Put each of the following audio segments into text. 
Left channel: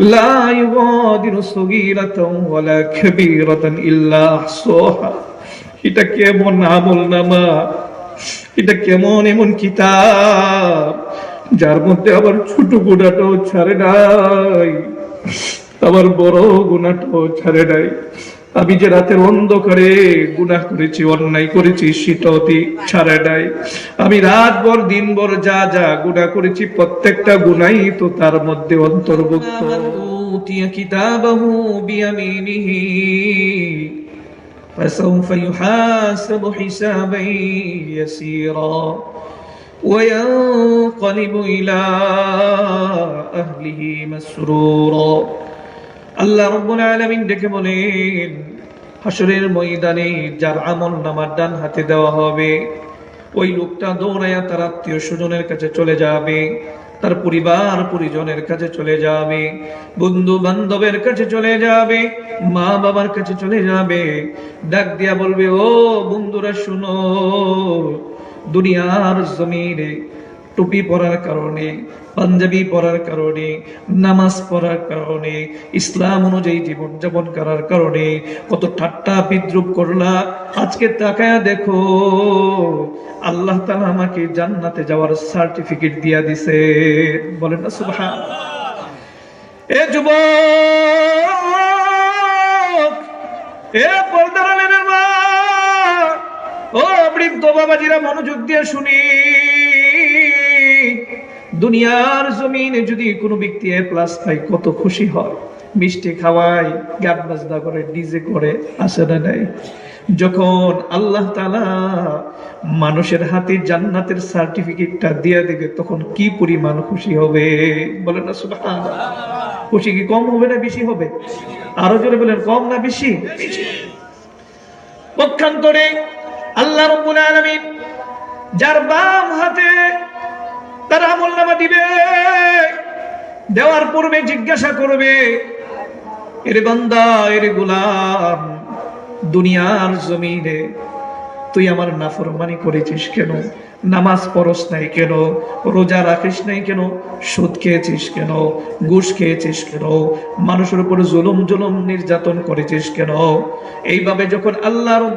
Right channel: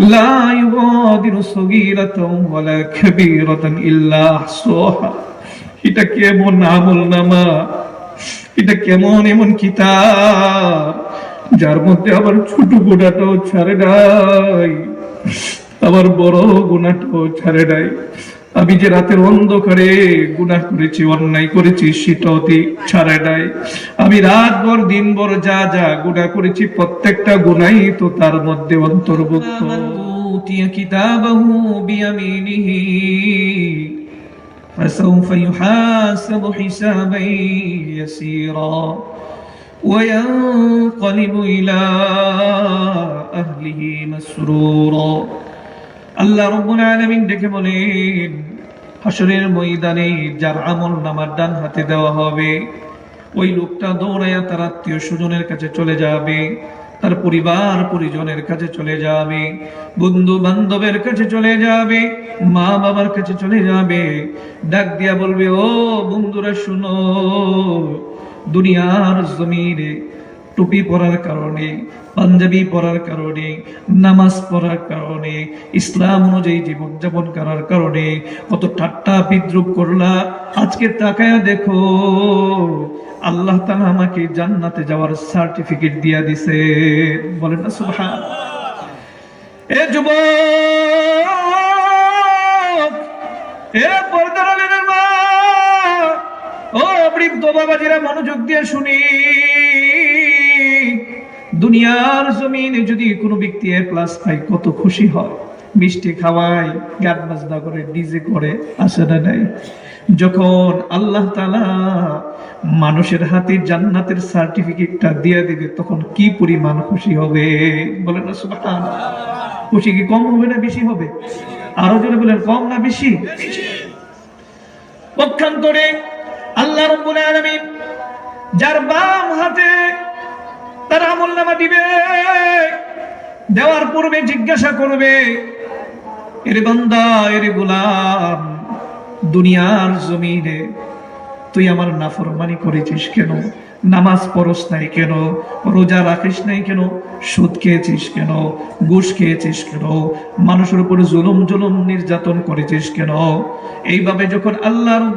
لا يغادر صغيرة ولا كبيرة إلا أحصاها এটা কেমন আমল নামা এটা কেমন এমন কিতাব যার মধ্যে আবার ছোট গুণাটাও ছাড়ে নাই আবার বড় গুণাটাও ছাড়ে নাই আমি যে রাতের অন্ধকারে গুনাহ করেছি অন্যায় করেছি সেটাতে ছাড়ে নাই আমি রাত ভর দিন ভর যা যা গুনাহ করেছি প্রত্যেকটা গুনাই তো তার মধ্যে অন্তর্ভুক্ত أوتي كتابه بيمينه فسوف يحاسب حسابا يسيرا وينقلب إلى أهله مسرورا আল্লাহ রব্বুল আলামিন ডেকে বলেন হাসরের ময়দানে যার আমল নামার ডান হাতে দেওয়া হবে, ওই লোকটা দৌড়াইয়া তার আত্মীয় স্বজনের কাছে চলে যাবে, তার পরিবার পরিজনের কাছে চলে যাবে বন্ধু বান্ধবের কাছে চলে যাবে মা বাবার কাছে চলে যাবে। ডাক দিয়া বলবে, ও বন্ধুরা, শুনো, দুনিয়ার জমিনে টুপি পরার কারণে, পাঞ্জাবি পরার কারণে, নামাজ পড়ার কারণে, ইসলাম অনুযায়ী জীবন যাপন করার কারণে, কত ঠাট্টা বিদ্রুপ করলা। আজকে তাকায় দেখো, আল্লাহ তাআলা আমাকে জান্নাতে যাওয়ার সার্টিফিকেট দিয়া দিছে। বলেন না সুবহান এ যুবক, এ পর্দার মা ও বৃদ্ধ বাবাজিরা মনোযোগ দিয়ে শুনি। দুনিয়ার জমিনে যদি কোনো ব্যক্তি এ প্লাস পায়, কত খুশি হয়। মিষ্টি খাওয়ায়, গান বাজনা করে ডিজে করে আসে না নাই? যখন আল্লাহ তাআলা মানুষের হাতে জান্নাতের সার্টিফিকেটটা দিয়ে দিবে, তখন কি পরিমাণ খুশি হবে? বলেন না, সুবহানাল্লাহ। খুশি কি কম হবে না বেশি হবে? আরও জোরে বলেন, কম না বেশি? পক্ষান্তরে আল্লাহ রব্বুল আলামিন যার বাম হাতে তার আমল নামা দিবে। দেওয়ার পূর্বে জিজ্ঞাসা করবে, এরে বান্দা, এরে গোলাম, দুনিয়ার জমিনে তুই আমার নাফরমানি করেছিস কেন? নামাজ পড়স নাই কেন? রোজা রাখিস নাই কেন? সুদ খেয়েছিস কেন? ঘুষ খেয়েছিস কেন? মানুষের উপর জুলুম জুলুম নির্যাতন করেছিস কেন? এইভাবে যখন আল্লাহ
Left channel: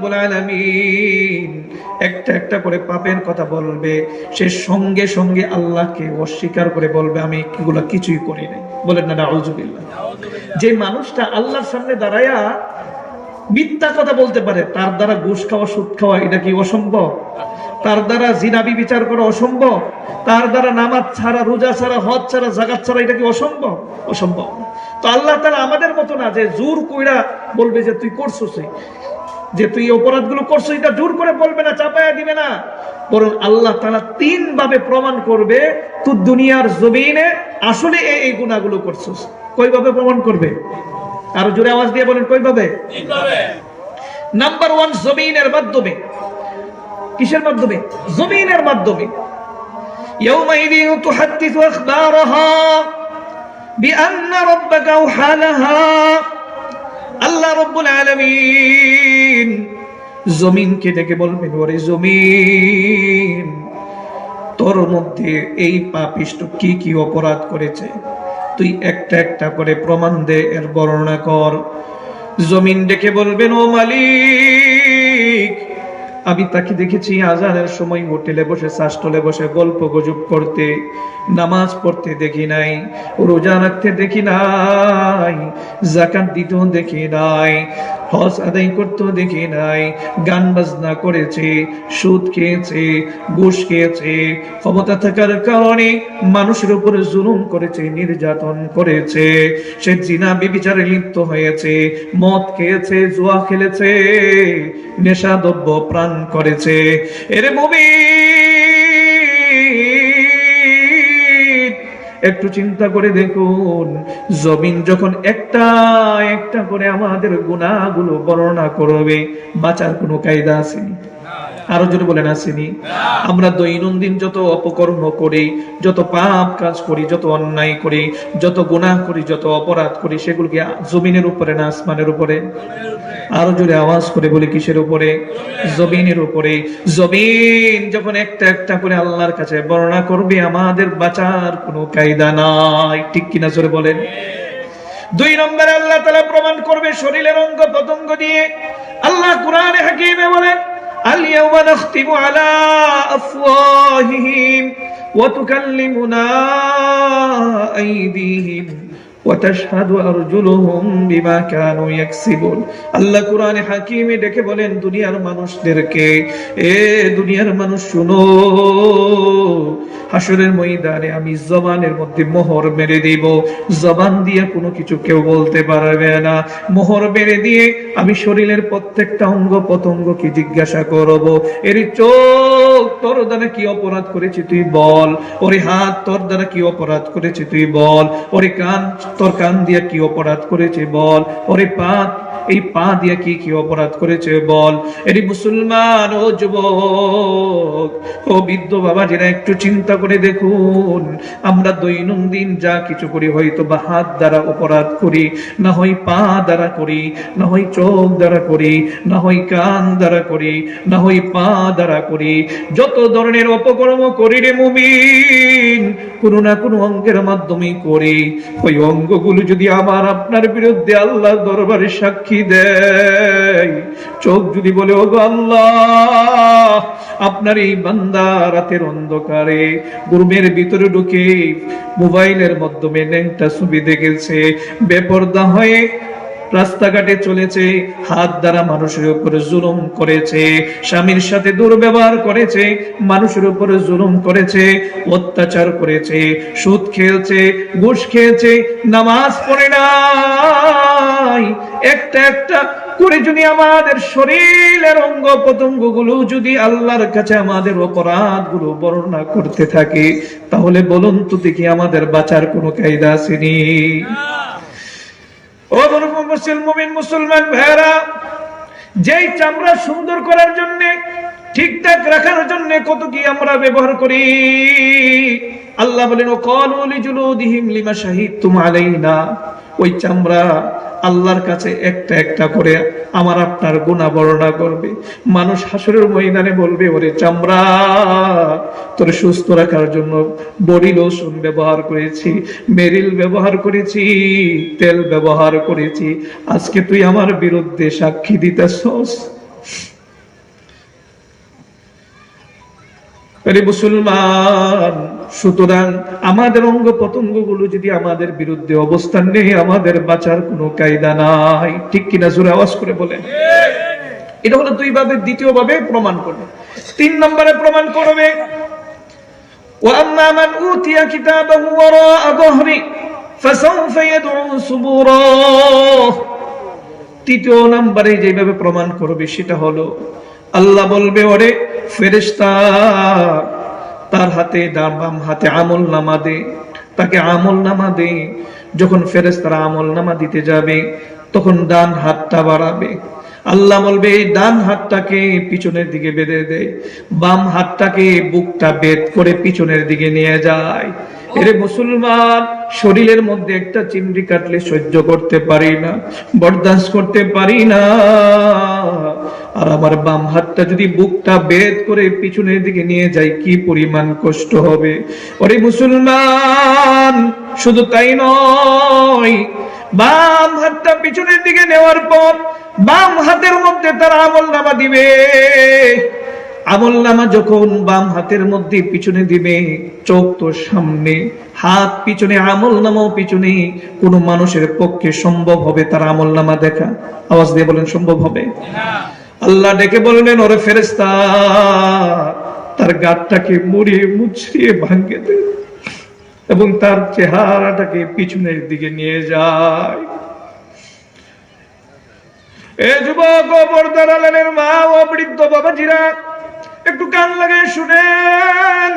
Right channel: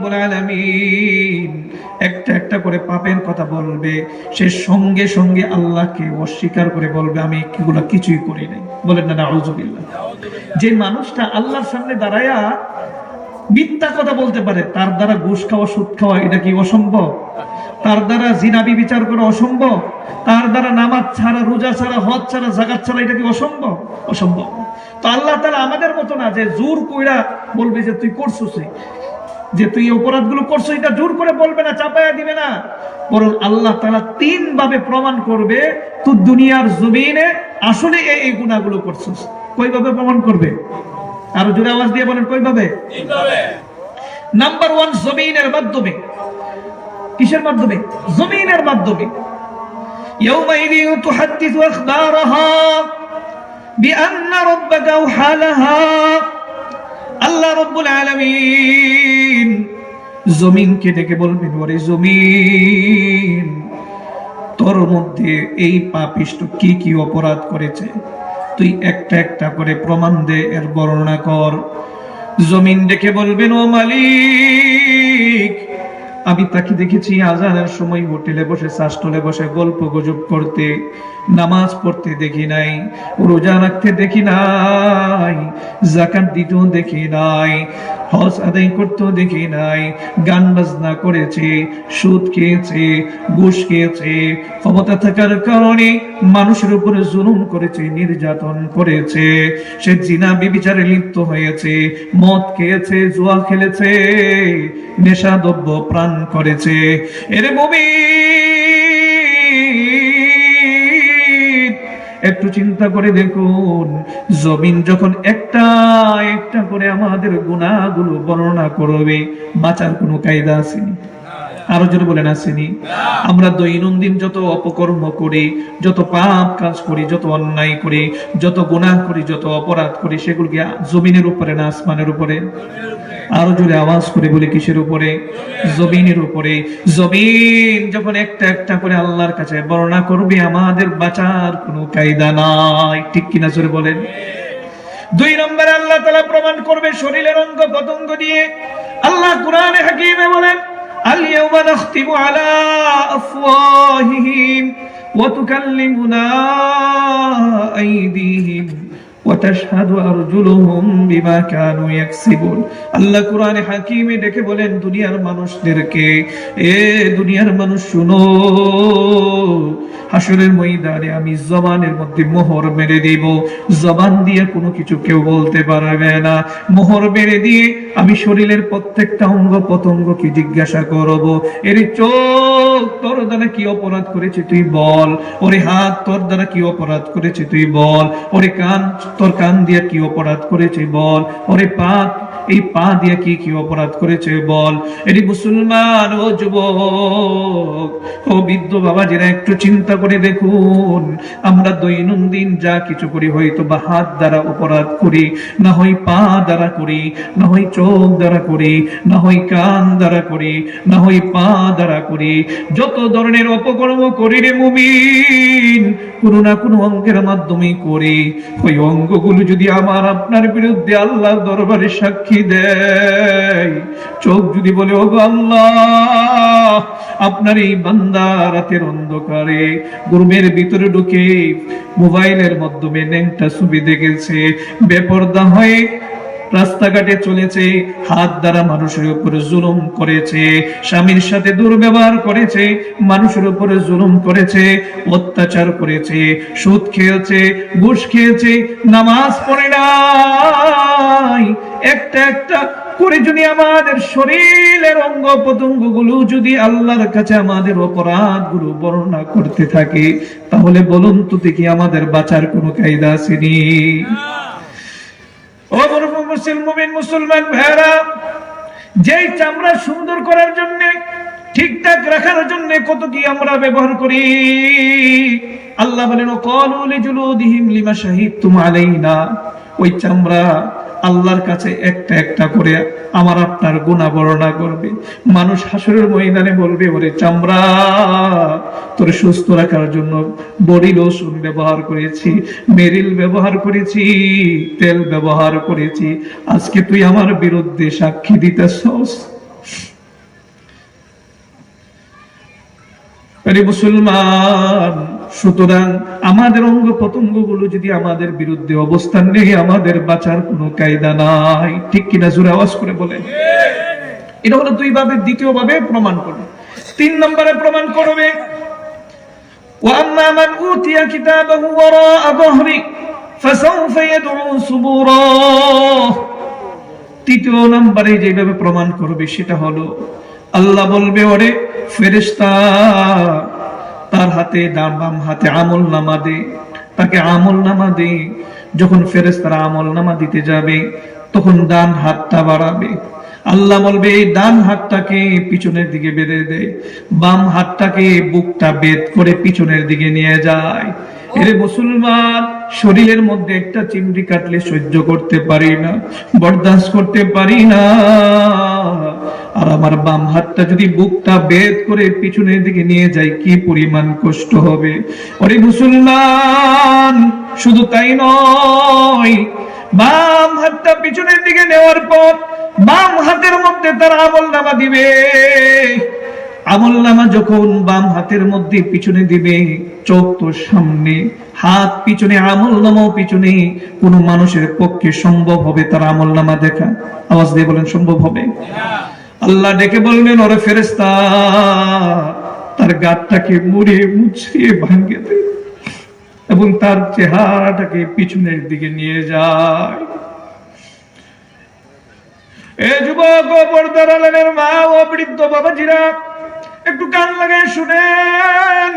একটা একটা করে পাপের কথা বলবে, সে সঙ্গে সঙ্গে আল্লাহকে অস্বীকার করে বলবে, আমি এগুলো কিছুই করি নাই। বলেন না, নাউজুবিল্লাহ। যে মানুষটা আল্লাহর সামনে দাঁড়ায়া মিথ্যা কথা বলতে পারে, তার দ্বারা ঘুষ খাওয়া, সুদ খাওয়া, এটা কি অসম্ভব? তার দ্বারা জিনাবি বিচার করা অসম্ভব? তার দ্বারা নামাজ ছাড়া রোজা ছাড়া হজ ছাড়া জাগাত ছাড়া এটা কি অসম্ভব? অসম্ভব। তো আল্লাহ তারা আমাদের মতো না যে জোর কইরা বলবে যে তুই করছিস যে তুই অপরাধগুলো করছ এটা জোর করে বলবে না চাপায়া দিবে না। বরং আল্লাহ তারা তিন ভাবে প্রমাণ করবে তুই দুনিয়ার জমিনে আসলে এই এই গুণাগুলো করছিস। কইভাবে প্রমাণ করবে? আর জোরে আওয়াজ দিয়ে বলেন কইভাবে? নাম্বার ওয়ান জমিনের মাধ্যমে। কিসের মাধ্যমে? জমিনের মাধ্যমে। আল্লাহ আলমিন জমিন, তোর মধ্যে এই পাপিষ্ট কি কি অপরাধ করেছে? তুই একটা একটা করে প্রমাণ দে, এর বর্ণনা কর। জমিন ডেকে বলবেন, ও মালিক আমি তাকে দেখেছি আজানের সময় হোটেলে বসে শাসটলে বসে, গল্প গুজব করতে, নামাজ পড়তে দেখি নাই, রোজা রাখতে দেখি নাই, জাকাত দিতেও দেখি নাই, হজ আদায় করতেও দেখি নাই, গান বাজনা করেছে, সুদ খেয়েছে, ঘুষ খেয়েছে, ক্ষমতা থাকার কারণে মানুষের উপরে জুলুম করেছে, নির্যাতন করেছে, সে জিনা বিবিচারে লিপ্ত হয়েছে, মদ খেয়েছে, জুয়া খেলেছে নেশাদ্রব্য প্রাণ করেছে। এরে মুমিন, একটু চিন্তা করে দেখুন, জমিন যখন একটা একটা করে আমাদের গুণাগুলো বর্ণনা করবে, বাঁচার কোনো কায়দা আসেনি। আরও যদি বলেন, আসেনি। আমরা দৈনন্দিন যত অপকর্ম করি, যত পাপ কাজ করি, যত অন্যায় করি, যত গুনাহ করি, যত অপরাধ করি সেগুলোকে জমিনের উপরে না আসমানের উপরে? আরো জোরে আওয়াজ করে বলি কিসের উপরে জমিনের উপরে জমিন যখন একটা একটা করে আল্লাহর কাছে বর্ণনা করবে আমাদের বাঁচার কোনো কায়দা নাই ঠিক কিনা জোরে বলেন দুই নম্বরে আল্লাহ তালা প্রমাণ করবে শরীরের অঙ্গ প্রত্যঙ্গ দিয়ে আল্লাহ কোরআনে হাকিমে বলেন اليوم نختم على أفواههم وتكلمنا أيديهم وتشهد أرجلهم بما كانوا يكسبون আল্লাহ কোরআনে হাকিমে ডেকে বলেন দুনিয়ার মানুষদেরকে এ দুনিয়ার মানুষ শুনো হাসরের ময়দানে আমি জবানের মধ্যে মোহর মেরে দিব জবান দিয়ে কোনো কিছু কেউ বলতে পারবে না মোহর মেরে দিয়ে আমি শরীরের প্রত্যেকটা অঙ্গ পতঙ্গকে জিজ্ঞাসা করব এর চোখ তোর দ্বারা কি অপরাধ করেছে তুই বল ওরে হাত তোর দ্বারা কি অপরাধ করেছে তুই বল ওরে কান তোর কান দিয়ে কি অপরাধ করেছে বল? ওরে পা এই পা দিয়ে কি কি অপরাধ করেছে বল? এটি মুসলমান, ও যুবক, ও বৃদ্ধ বাবা, যারা একটু চিন্তা করে দেখুন, আমরা দৈনন্দিন যা কিছু করি, হয়তো বা হাত দ্বারা অপরাধ করি, না হয় পা দ্বারা করি, না হয় চোখ দ্বারা করি, না হয় কান দ্বারা করি, না হয় পা দ্বারা করি, যত ধরনের অপকর্ম করি রে মুমিন, কোনো না কোনো অঙ্গের মাধ্যমে করি। ওই অঙ্গগুলো যদি আমার আপনার বিরুদ্ধে আল্লাহর দরবারে সাক্ষী দেয়, চোখ যদি বলে ও আল্লাহ, আপনার এই বান্দা রাতের অন্ধকারে গুরুমের ভিতরে ঢুকে মোবাইলের মাধ্যমে নেংটা ছবি দেখেছে। বেপর্দা হয়ে রাস্তাঘাটে চলেছে, হাত দ্বারা মানুষের উপরে জুলুম করেছে, স্বামীর সাথে দুর্ব্যবহার করেছে, মানুষের উপরে জুলুম করেছে, অত্যাচার করেছে, সুদ খেয়েছে, ঘুষ খেয়েছে, নামাজ পড়ে নাই। একটা একটা করে যদি আমাদের শরীরের অঙ্গ প্রত্যঙ্গগুলো যদি আল্লাহর কাছে আমাদের অপরাধগুলো বর্ণনা করতে থাকে, তাহলে বলুন তো দেখি আমাদের বাঁচার কোনো কায়দা আসেনি ও মুসলমান মুসলমান ভাইরা যেই চামড়া সুন্দর করার জন্য ঠিকঠাক রাখার জন্য কত কি আমরা ব্যবহার করি? আল্লাহ বলেন ও লিমা আলাইনা। ওই চামড়া আল্লাহর কাছে একটা একটা করে আমার আপনার গুণা বর্ণনা করবে। মানুষ হাসরের ময়দানে বলবে, ওরে চামড়া তোর সুস্থ রাখার জন্য বড়ি রসুন ব্যবহার করেছি মেরিল ব্যবহার করেছি, তেল ব্যবহার করেছি। আজকে তুই আমার বিরুদ্ধে সাক্ষী দিতেছস। মুসলমান, সুতরাং আমাদের অঙ্গগুলো যদি আমাদের বিরুদ্ধে অবস্থান নেই, আমাদের বাঁচার কোনো কায়দা নাই। ঠিক কিনা জোরে আওয়াজ করে বলেন। এটা হলো দুই ভাবে দ্বিতীয় ভাবে প্রমাণ করবে। তিন নম্বরে প্রমাণ করবে وأما من أوتي كتابه وراء ظهره فسوف يدعو صبورا তৃতীয় নম্বরে যেভাবে প্রমাণ করবে সেটা হলো আল্লাহ বলবে ওরে ফেরেশতা তার হাতে ডান বাম হাতে আমল নামা দে তাকে আমল নামা দে যখন ফেরেশতারা আমল নামা দিতে যাবে তখন ডান হাতটা বাড়াবে আল্লাহ বলবে ডান হাতটাকে পিছনের দিকে বেঁধে দেয় বাম হাতটাকে বুকটা বেদ করে পিছনের দিকে নিয়ে যায়। এরে মুসলমান, শরীরের মধ্যে একটা চিমড়ি কাটলে সহ্য করতে পারি না, বরদাস্ত করতে পারি না। আর আমার বাম হাতটা যদি বুকটা বেদ করে পিছনের দিকে নিয়ে যায়, কি পরিমাণ কষ্ট হবে। ওরে মুসলমান, শুধু তাই নয়, বাম হাতটা পিছনের দিকে নেওয়ার পর বাম হাতের মধ্যে তার আমল নামা দিবে। আমল নামা যখন বাম হাতের মধ্যে পিছনে দিবে, চোখ তো সামনে, হাত পিছনে, আমল নামাও পিছনে, কোন মানুষের পক্ষে সম্ভব হবে তার আমল নামা দেখা। আওয়াজ দিয়ে বলেন, সম্ভব হবে? আল্লাহ ডেকে বলবেন ওরে ফেরেস্তা তার গাতটাকে মুড়িয়ে মুছড়িয়ে ভাঙ্গে দেয় এবং তার চেহারাটাকে পিছনের দিকে নিয়ে যায়। যুবক মা ও একটু কান লাগে শুনেন।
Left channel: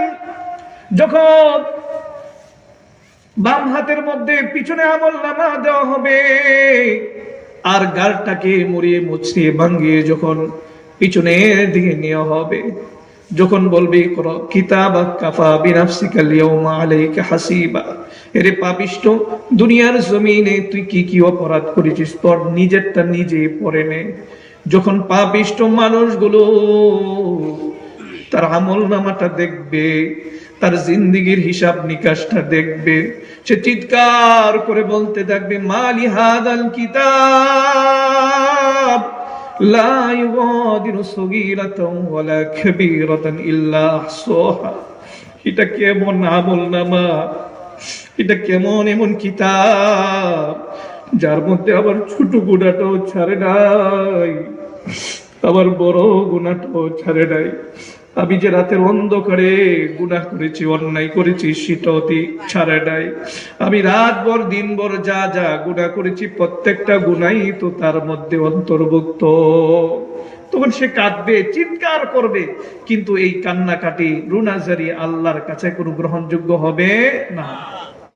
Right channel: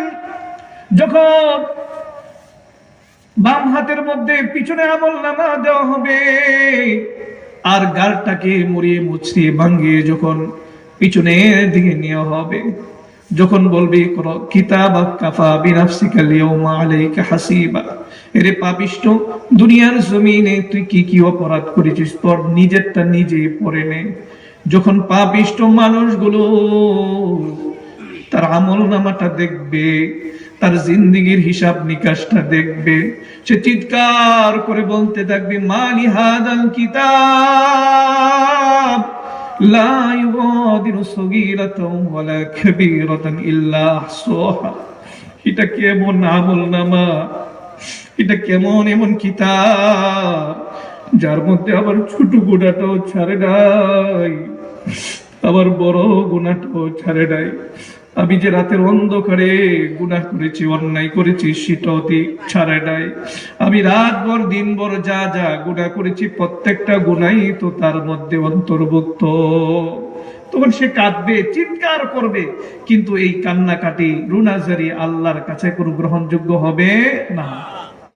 যখন বাম হাতের মধ্যে পিছনে আমল নামা দেওয়া হবে, আর গালটাকে মুড়িয়ে মুছিয়ে ভাঙ্গিয়ে যখন পিছনের দিকে নেওয়া হবে যখন বলবি করো কিতাব কাফা আলাইকা হাসিবা? এরে পাপিষ্ট, দুনিয়ার জমিনে তুই কি কি অপরাধ করেছিস? তোর নিজেরটা নিজে পড়ে নে। যখন পাপিষ্ট মানুষগুলো তার আমল নামাটা দেখবে, তার জিন্দিগির হিসাব নিকাশটা দেখবে, সে চিৎকার করে বলতে থাকবে, মালি হাদাল কিতাব? لا يغادر صغيرة ولا كبيرة إلا أحصاها এটা কেমন আমল নামা এটা কেমন এমন কিতাব যার মধ্যে আবার ছোট গুণাটাও ছাড়ে নাই আবার বড় গুণাটাও ছাড়ে নাই আমি যে রাতের অন্ধকারে গুণা করেছি, অন্যায় করেছি সেটাতে ছাড়া নাই। আমি রাত ভর দিন ভর যা যা গুনা করেছি, প্রত্যেকটা গুণাই তো তার মধ্যে অন্তর্ভুক্ত। তখন সে কাঁদবে, চিৎকার করবে, কিন্তু এই কান্নাকাটি রুনাজারি আল্লাহর কাছে কোনো গ্রহণযোগ্য হবে না।